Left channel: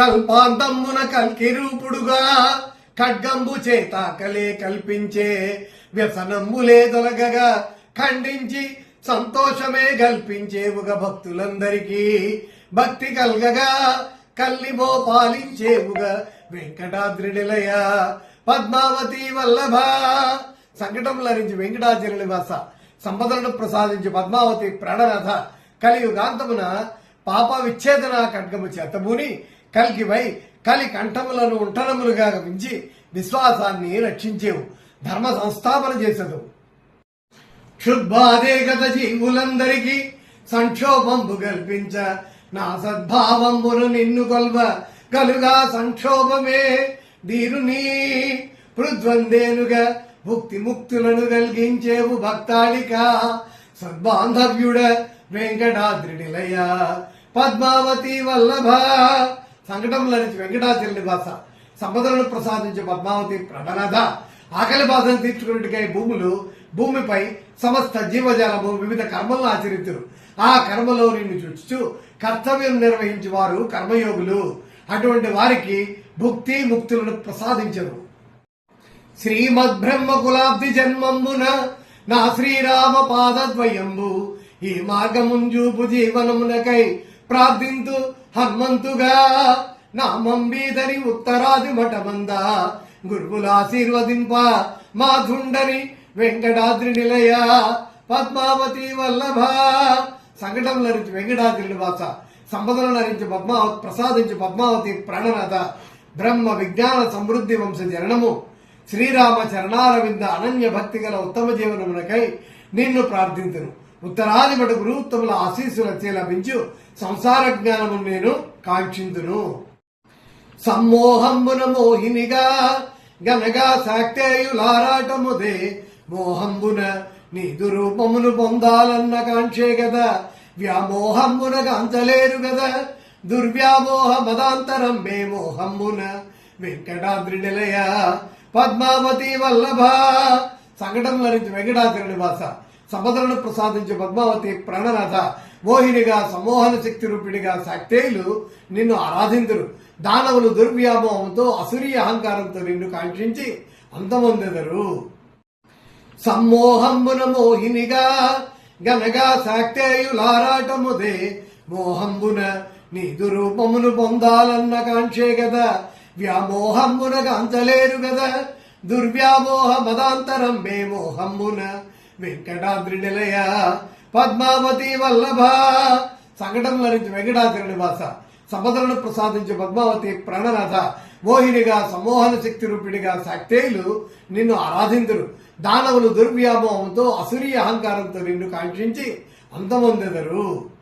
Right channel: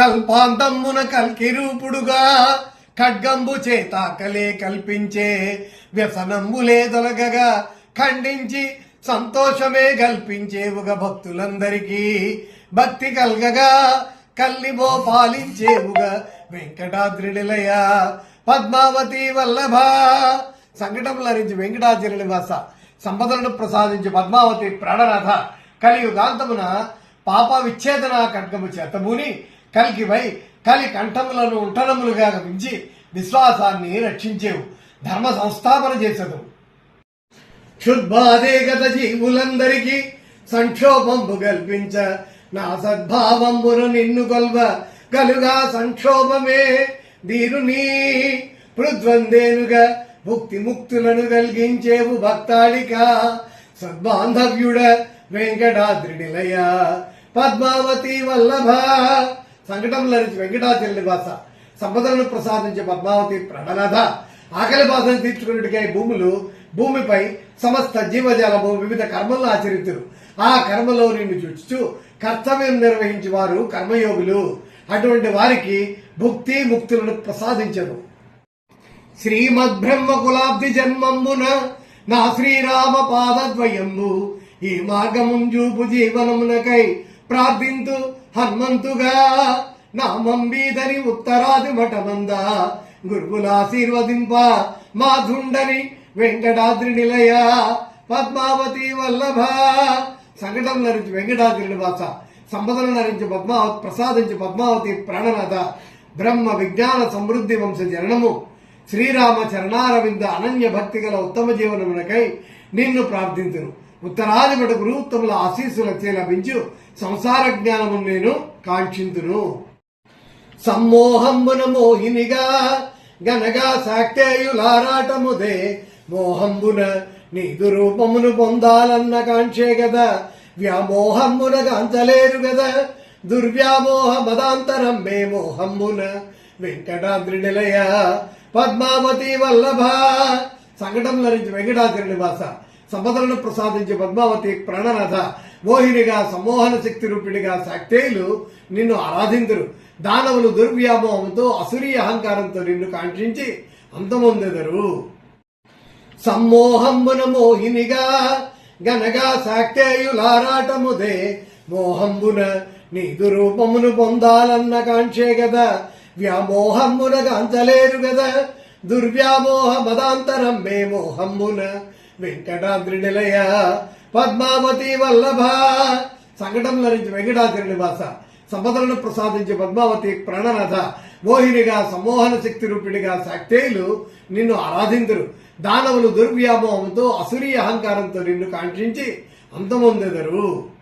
కల్పాంతమ్మున కల్కి రూపుడుగా ఖడ్గంబు చేత కలే కల్పించే వ్యసనంబులే తొలగగా ఖండించి సంతోషమే కల్పించేవుగా భక్తులందరికీ భక్తి కల్గగా కల్లిబో పాలించేవుగా వెంకటాద్రిడిలయ పద్మావతి వల్లభ. సంకటం లరించి వెంకటాద్రి నివాస సంపదలను ప్రసాదించి పద్మావతి ప్రాణనాథ. కలియుగాంతమున పాప విచ్ఛేదన ఖడ్గము చేతబూని కలికివై కలి కంఠములను ఉంటనములుగా గమించి విశ్వాసాన్ని రక్షించేవు ధర్మ సంస్థాపన చేసదు క్షుద్భాదే గత జీవులందరికీ సంక్షోభంబు కల్పించ నా సద్భావంబును నిన్ను కొల్వ కలుగా సంక్షోభమే దీరుని పృద్వందేనుగా ముక్తి ముక్తులను కలిగించేవు భక్తాళిక సద్బాంధవ్యుడ వెంకటాద్రి నిలయ పద్మావతి వల్లభ సంకటంలో వెంకటాచల నివాస సంపదలను ప్రసాదించే పద్మావతి ప్రణనాథ ఆకలి బాధను తీర్చుకున్నట్టుగా భూములు భూమిపై సమస్త జీవజాలము వివిధ కర్మలను ఆచరితురు. ఆ కర్మలో నిన్ను చూచు కర్తవ్యం నిర్వహించే వారు కర్మయోగులు. అటువంటి వారికి భుక్తి ముక్తులను ప్రసాదించరు. శ్రీమద్బ్రహ్మ కులాబ్ది జన్మంబున నా శ్రీరామ పాదద్వయంబు ఈ మార్గముంజూపు జీవనమునకై ప్రార్థింతు హనుమంతుగా. నామంబీదని ఉత్తరాది మఠమంద. గురువుల ఆశీర్వదింప మాధుండని వెంకటాద్రి నిలయ. పద్మావతి వల్లభ. సంకటం నరించి వెంకటాద్రి నివాస సంపదలు నరించి పద్మావతి ప్రసాదించి పద్మావతి ప్రాణనాథ. బ్రహ్మ విజ్ఞాన సమృద్ధి వంశ జననము. శ్రీరామ చరణారవింద అనన్య భక్తి గల ఉత్తమ జీవనమునకై నిన్ను ప్రార్థింతును. ఉత్తరాది మటు గురువుత్తముల ఆశీస్సులచే లభించు సంసార జ్ఞానము నేను కాంక్షింతును. సమ్మోహంబున మోహినిగా గనగా సాక్తేయులారాటముదే మోహంబున నీదు రూపమును పొందాలన్న కాంక్షే కదా వ్యామోహంబున గాంచలేరు కదా దుర్వ్యామోహ మదాంతరం మే మోహంబున. వెంకటాద్రి నిలయ పద్మావతి వల్లభ. సంకటంలో నుంచి వెంకటాద్రి నివాస. సంపదలను ప్రసాదించే పద్మావతి ప్రాణనాథ మోహినిగా సమ్మోహన శక్తి రూపిణిగా శక్తేయులు నిన్ను ఆరాధించరు దానవులు దుర్వ్యామోహంతో అసురీ అహంకారంతో నిన్ను కాంక్షించి అంతమొందెదరు. సమ్మోహంబున మోహినిగా గనగా శాక్తేయులారాటముదే మోహంబున నీదు రూపమును పొందాలన్న కాంక్షే కదా వ్యామోహంబున అంతలేరు కదా దుర్వ్యామోహ మదాంతరం మే మోహమ్మున వెంకటాద్రి నిలయ పద్మావతి వల్లభ. సంకటంలో నుంచి వెంకటాద్రి నివాస సంపదలను ప్రసాదించే పద్మావతి ప్రాణనాథ. మోహినిగా సమ్మోహన శక్తి రూపిణిగా శక్తేయులు నిన్ను ఆరాధించరు దానవులు దుర్వ్యామోహంతో అసురీ అహంకారంతో నిన్ను కాంక్షించి అంతమొందెదరు.